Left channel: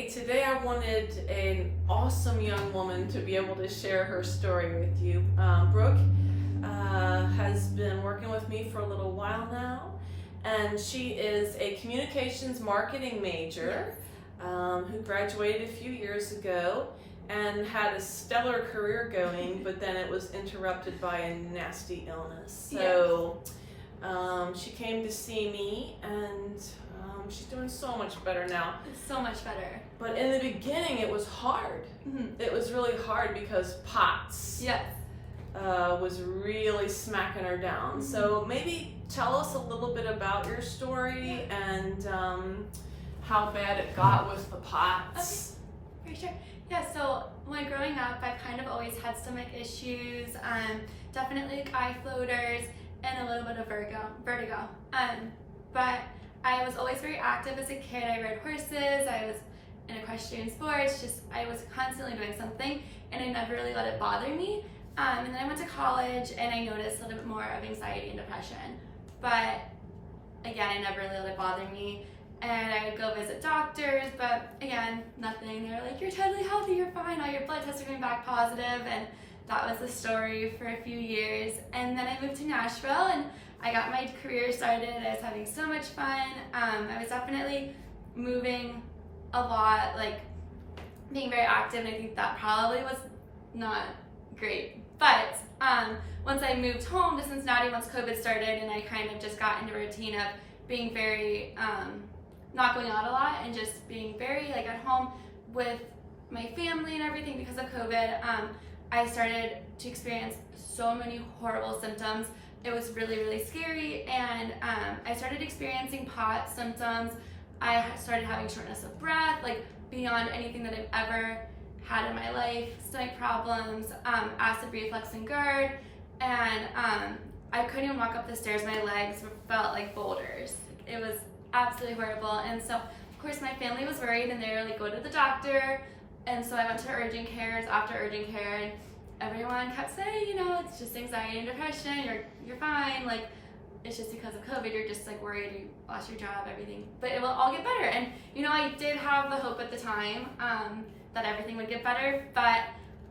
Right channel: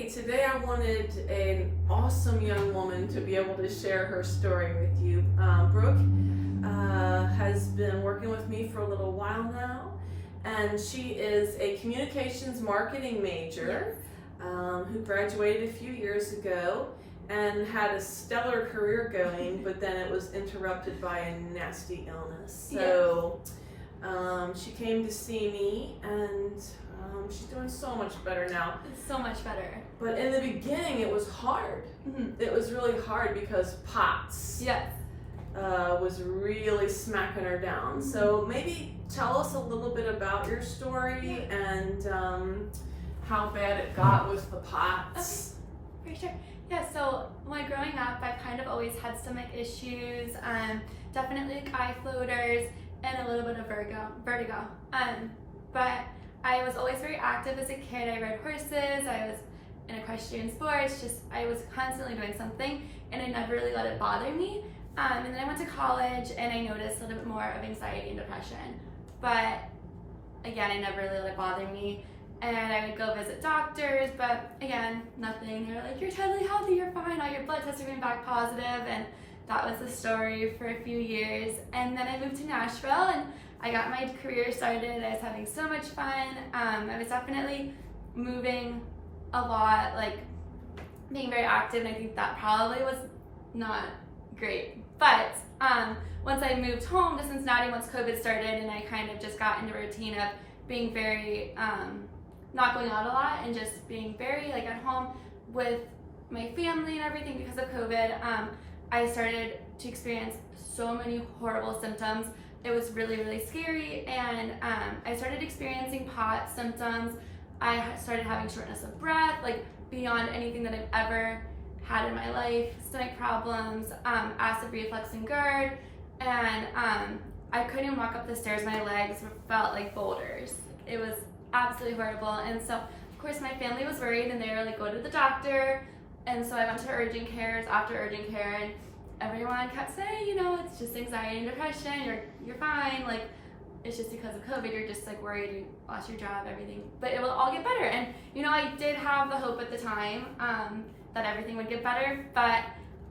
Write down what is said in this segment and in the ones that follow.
Hey, today I wanted an awesome young woman to be able to share her story with you. Brooke has been working with me for a little while now, and she is a communications marketing major who graduated a few years ago and had a stellar career going, but then it was interrupted by a nasty illness. So she came to see me, and she's doing so much better now. It's so much better. But in the beginning, it was hard. Mm-hmm. It was really hard because POTS was really smacking her down. Mm-hmm. So maybe tell us a little bit about your story and how bad it got with the POTS. Okay, for sure. Yeah, so when growing up, I kind of always had stomach issues, definitely like eye floaters, and a little bit of vertigo. But I was always very active as a kid. I rode horses, I was in equestrian sports, I was constantly doing something, and I never really let it bother me. And then I went to college, and I noticed a little bit more of anxiety and depression. But again, I never really let it bother me. And I would go visit doctors, but again, nothing. They were like, you're totally healthy, you're fine, all your blood tests are coming back positive. And that was the story for a few years. And then I moved to Nashville, and I got my career started. I was having so much fun. I was definitely moving a lot, like being very active, and I think that probably was not great. But once I moved home to Cincinnati, once COVID started, and I kind of just got into a routine of being very, not going out a lot and just being very like at home with my family and everything because of COVID, I started to experience so many horrible symptoms. It was really, really scary, and I started experiencing POTS symptoms. I started having shortness of breath, like beyond anything that I've ever had in my life, stomach problems, acid reflux and GERD, and I couldn't even walk up the stairs. My legs felt like boulders. It was absolutely horrible. And so, of course, my family was worried, and they were like, go to the doctor. And so I went to urgent cares after urgent care, and everyone kept saying, you know, it's just anxiety and depression, you're fine, like it's just because of COVID, you're just like worried, you lost your job, everything, but it will all get better. And you know, I did have the hope at the time that everything would get better, but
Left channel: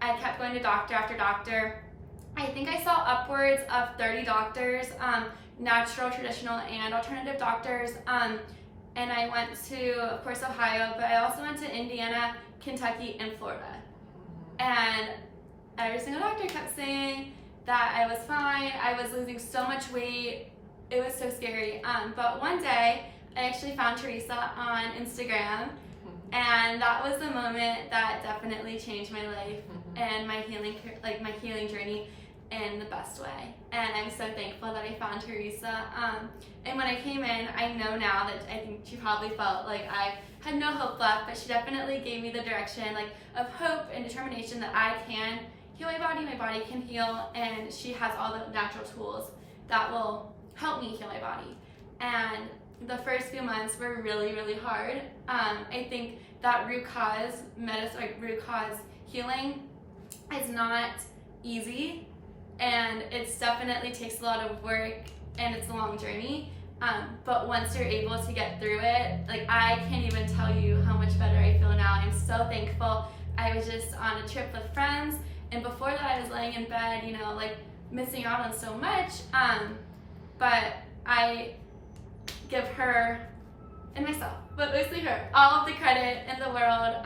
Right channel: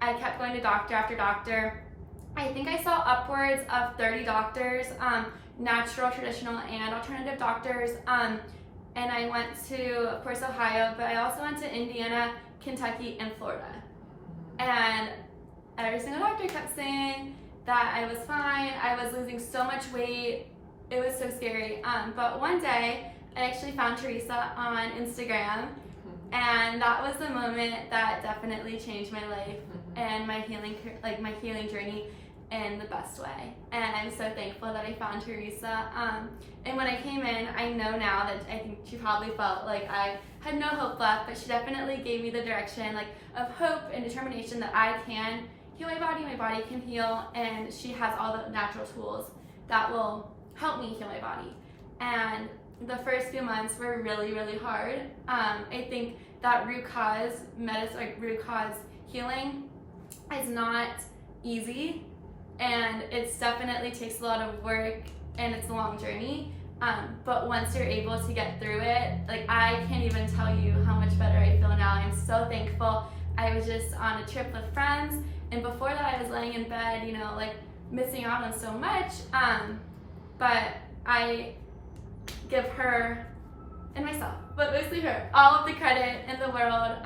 I kept going to doctor after doctor. I think I saw upwards of 30 doctors, natural, traditional, and alternative doctors, and I went to, of course, Ohio, but I also went to Indiana, Kentucky, and Florida. And every single doctor kept saying that I was fine. I was losing so much weight. It was so scary. But one day, I actually found Theresa on Instagram, and that was the moment that definitely changed my life and my healing journey in the best way. And I'm so thankful that I found Theresa. And when I came in, I know now that I think she probably felt like I had no hope left, but she definitely gave me the direction of hope and determination that I can heal my body can heal, and she has all the natural tools that will help me heal my body. And the first few months were really, really hard. I think that root cause healing is not easy, and it definitely takes a lot of work, and it's a long journey. But once you're able to get through it, like I can't even tell you how much better I feel now. I'm so thankful. I was just on a trip with friends, and before that I was laying in bed, you know, like missing out on so much. But I give her and myself, but mostly her, all of the credit in the world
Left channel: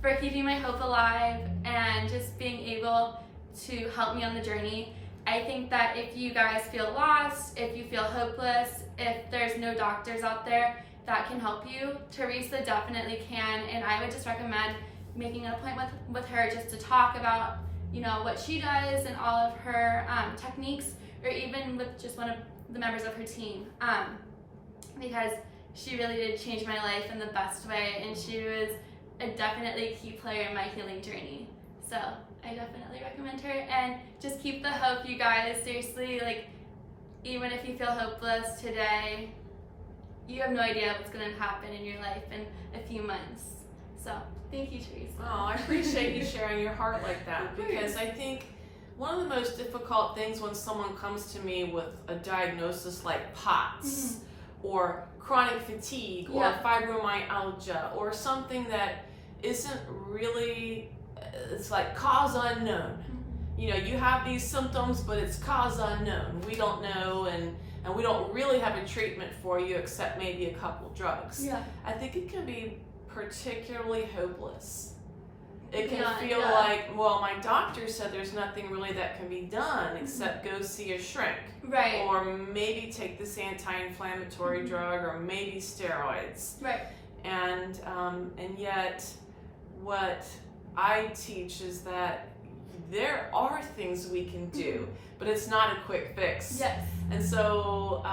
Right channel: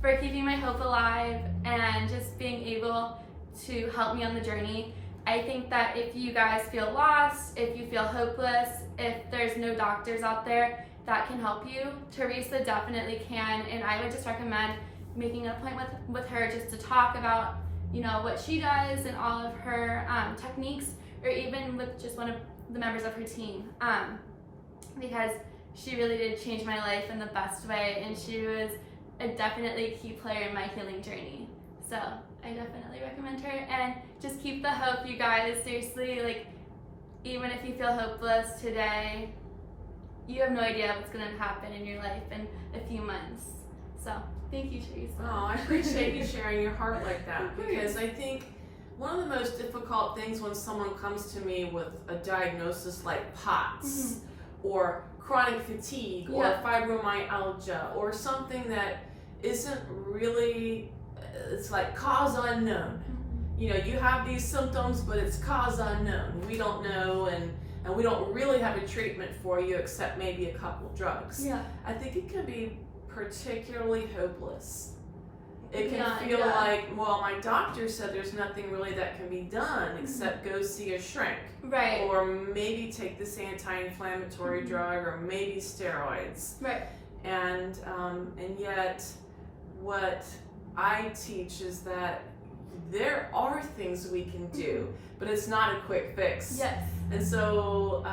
for keeping my hope alive and just being able to help me on the journey. I think that if you guys feel lost, if you feel hopeless, if there's no doctors out there that can help you, Theresa definitely can, and I would just recommend making an appointment with her just to talk about, you know, what she does and all of her techniques, or even with just one of the members of her team, because she really did change my life in the best way, and she was a definitely key player in my healing journey. So I definitely recommend her, and just keep the hope, you guys. Seriously, like even if you feel hopeless today, you have no idea what's going to happen in your life in a few months. So thank you, Theresa. Oh, I appreciate you sharing your heart like that, because I think one of the most difficult things when someone comes to me with a diagnosis like POTS or chronic fatigue or fibromyalgia or something that isn't really, it's like cause unknown. You know, you have these symptoms, but it's cause unknown. We don't know, and we don't really have a treatment for you except maybe a couple drugs. Yeah. I think it can be particularly hopeless. It can Yeah, feel yeah. like, well, my doctor said there's nothing really that can be done except go see a shrink. Right. Or maybe take this anti-inflammatory drug, or maybe steroids. Right. And yet, what I teach is that there are things we can do, but it's not a quick fix. Yes. And so,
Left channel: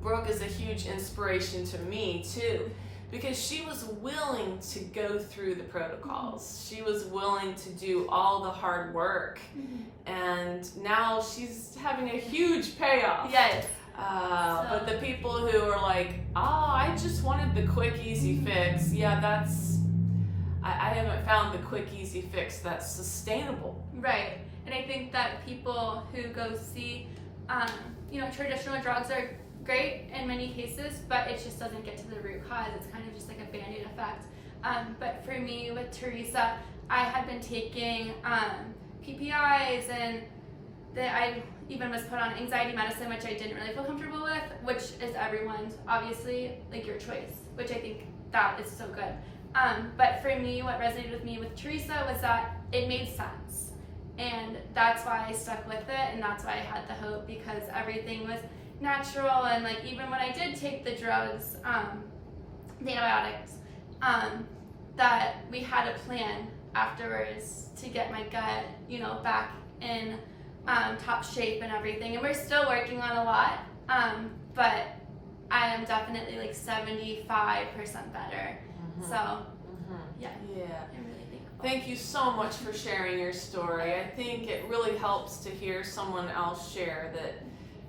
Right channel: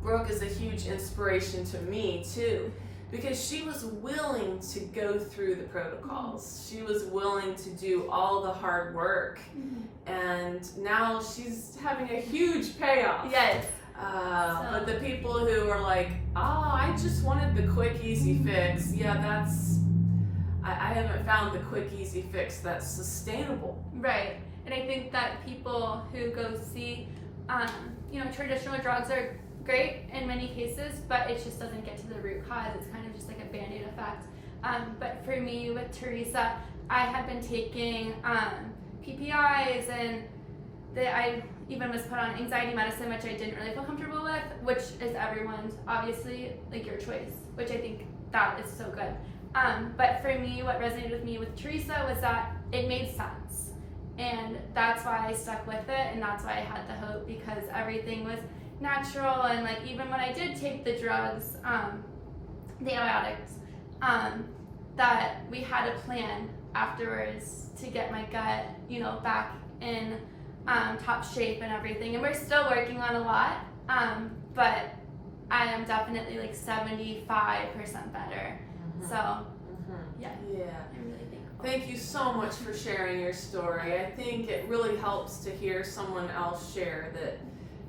Brooke is a huge inspiration to me too, because she was willing to go through the protocols. She was willing to do all the hard work, and now she's having a huge payoff. Yes. But the people who are like, oh, I just wanted the quick, easy fix, yeah, I haven't found the quick, easy fix that's sustainable. Right. And I think that people who go see, traditional drugs are great in many cases, but it just doesn't get to the root cause. It's kind of just like a Band-Aid effect. But for me, with Theresa, I had been taking PPIs, and I even was put on anxiety medicine, which I didn't really feel comfortable with, which is everyone's, obviously, like your choice, which I think that is so good. But for me, what resonated with me with Theresa was that it made sense. And that's why I stuck with it, and that's why I had the hope, because everything was natural. And like, even when I did take the drugs, the antibiotics, that we had a plan afterwards to get my gut, back in top shape and everything. And we're still working on a lot, but I am definitely like 75% better. So, yeah. I'm really thankful. Thank you so much for sharing your story. I think it really helps to hear someone else share that,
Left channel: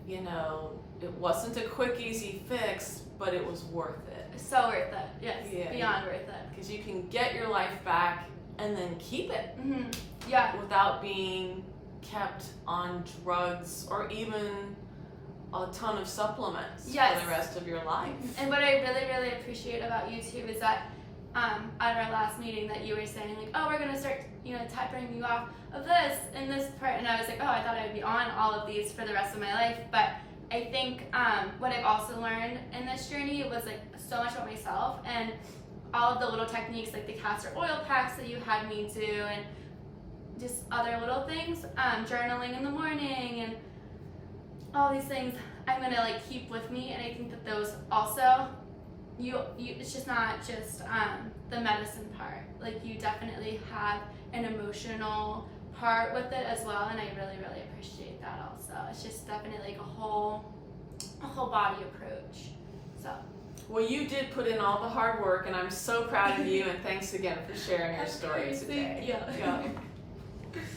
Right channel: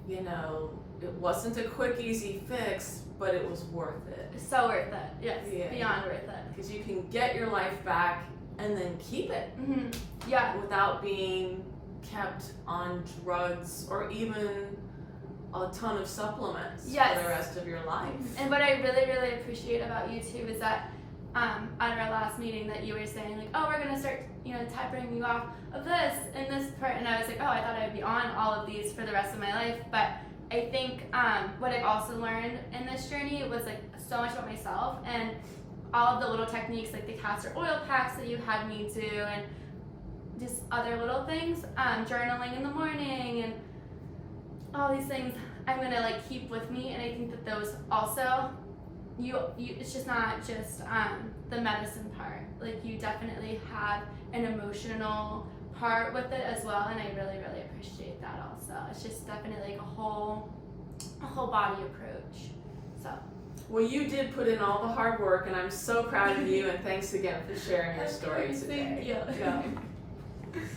it wasn't a quick, easy fix, but it was worth it. So worth it. Yes. Beyond worth it. Because you can get your life back and then keep it. Yeah. Without being kept on drugs or even a ton of supplements for the rest of your life. And what I really, really appreciate about you too is that at our last meeting that you were saying like, oh, we're gonna start, tapering you off of this and this part, and I was like, oh, I thought I would be on all of these for the rest of my life. But I think what I've also learned in this journey was like so much about myself, and all of the little techniques like the castor oil packs that you had me do, and just other little things, journaling in the morning, and all these things I'm gonna like keep with me. And I think that those also, it's just not just the medicine part. Like, you definitely have an emotional part with it as well, and I really, really appreciate that also. It's just definitely like a whole body approach. So. Well, you did put in all the hard work, and I'm so proud of you, and thanks again for sharing your story today. Thank you. Yeah.